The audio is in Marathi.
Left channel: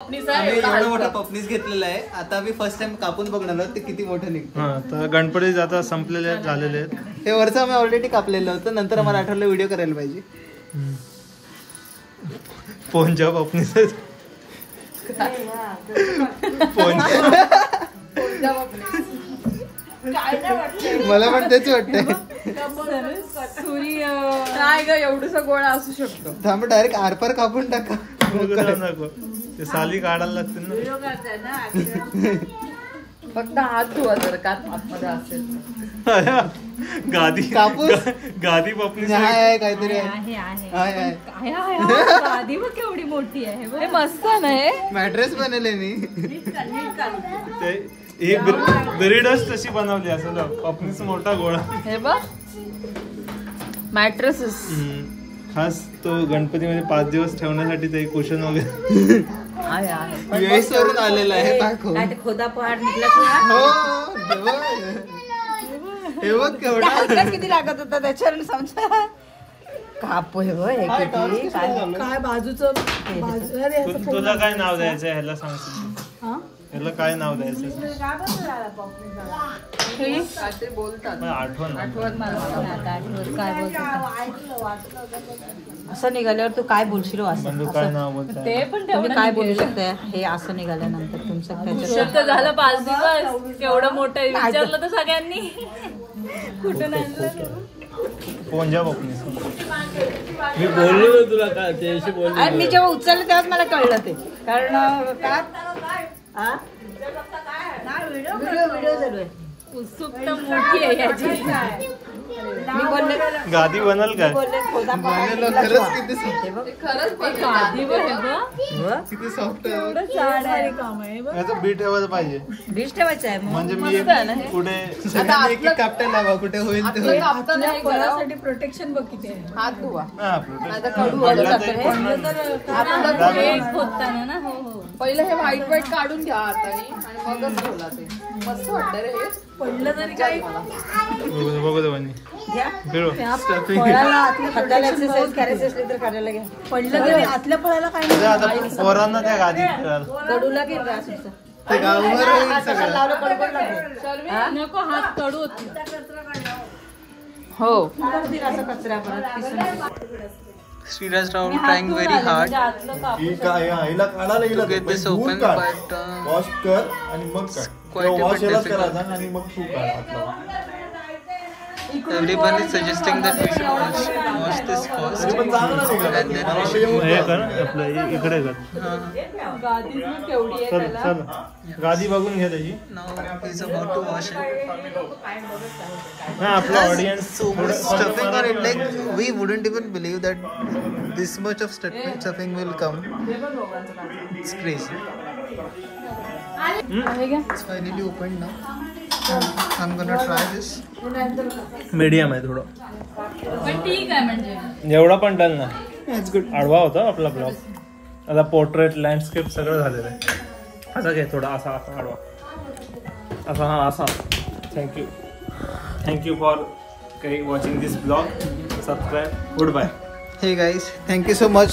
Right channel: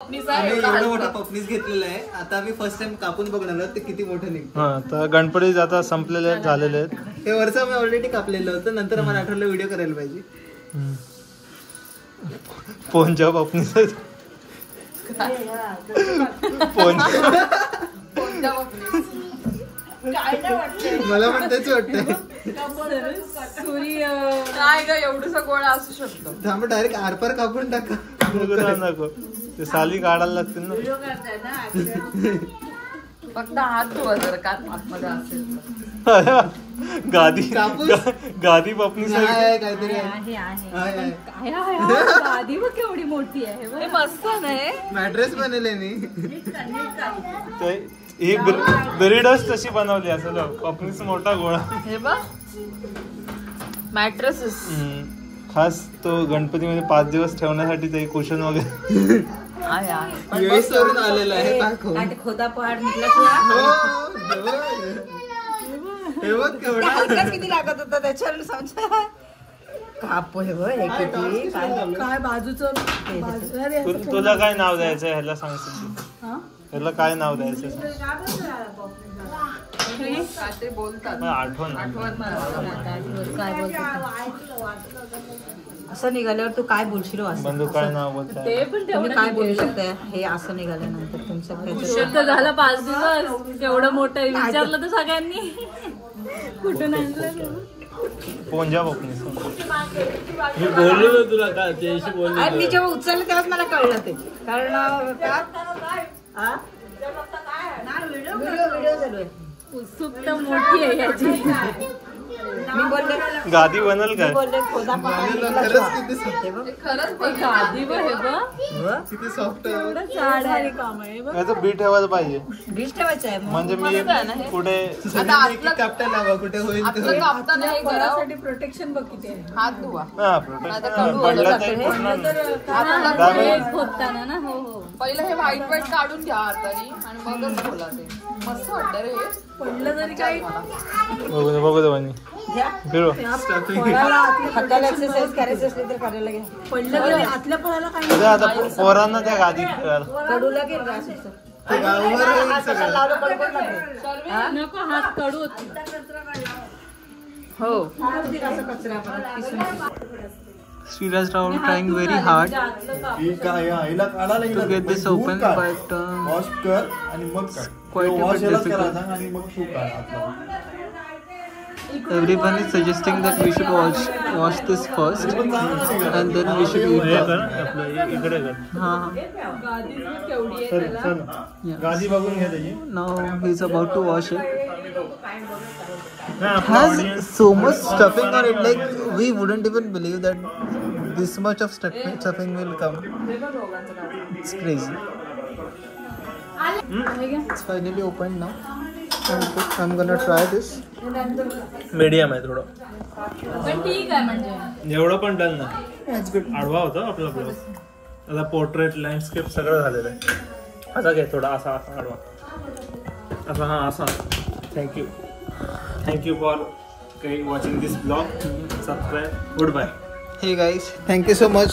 आम्ही एवढं मोठा पपनीस घेतलेला आहे. आता आम्ही फर्स्ट टाइम कापून बघणार आहोत ते किती मोठं निघतं. हा तर गणपती आता संपलेले झालेले आहेत. हे वरचं आम्ही ऑलरेडी कापलेलं होतं. नंतर आम्हाला आठवलं व्हिडिओ करायला पाहिजे. पोंजा पपनीस मला पण तेच वाटतंय. सूर्य काय ग एवढसा गोळा असू शकतो. थांब डायरेक्ट आरपार कापून टाका. नको ते साली काढायला लागतील ना. फक्त हात धुवा जर का आतमध्ये असेल. गादी कापूस गादी पपनीस काहीतरी गादी बघ केवढी मोठी आहे. मस्त नाही मॅट्रेस बनवले मी. एक ब्रीडच तशी बनवली असं पपनीस मोठा गोळा. हे बघ मॅट्रेसेस खास तो गणपतीमध्ये 5 दिवस ठेवण्यासाठी ते कुशन वगैरे US वरून आलेला आहे. खोदापहाड निघला. हे बघ केवढा किती लागत होता त्याच्यावर समजा. काप हे बघ काय बाजूचं. तुला काय नाव द्यायचं ह्याला सांगशील? ह्याला काय नाव द्यायचं? आठवण काय बोलतो असं निघाल्यावर तू काय बोलशील बंधू काय नाव बोलतो ते पण काय बोलू शकते. हे असं निघाल्यानंतर तुमचं झालं 5 दिवस केवढं मोठं विचारलं तर सगळ्यांनी कुठून आणलं. पोंजा पपनीस मी बोललो तुला काय त्याशी बोललो. मी जेव्हा उचललं तेव्हाच मला कळलं ते. कारण उत्सुकता मोठी आहे याची. मी बोलले गादी बनल काय? गादी बघ किती सॉफ्ट काम आहे. बी ठेवायला पाहिजे. बीज ठेवायचं आहे म्हणजे मी कुठे कापटा लावा कुठे होईल ते फळासाठी प्रोटेक्शन बघ किती आहे. हात धुवा होताना ना. हो हो पहिलं हे व्हाईट काढून घ्या हाताने आणि मगच बोला. ते मस्त वाटतं रे. हे पडलं तरी काही बघू दे बनी फिरो. पडलं तरी आतल्या फळाला काही आता पोरांना त्या गादी कडूला नको हात कडू हो. Sriraj Rao trying very hard to get this open, but wash कर आणि मग quite a वॉश bit याला difficult. करायचा आणि मग तू काढ आतला. Everyone is suggesting that we should wash this first and then we should eat that. गादी बघून घ्या त्याची. Now he's about to wash it. आपला Has audience so much stuffing on it, like we wouldn't even believe that this much of stuffing will come. It's crazy. It's finally opened now. I'm gonna try this. Medium आहे थोडं. पण ठीक आहे म्हणजे जेवढा पण डन ना. It's good. आडवा होता आपला ब्लॉग. आता पोर्ट्रेट लँडस्केप सगळं झालेलं आहे. असा घे थोडा असा आडवा असा. हा असा. Thank you for watching this blog. Subscribe. Goodbye. Hey guys, thank you so much.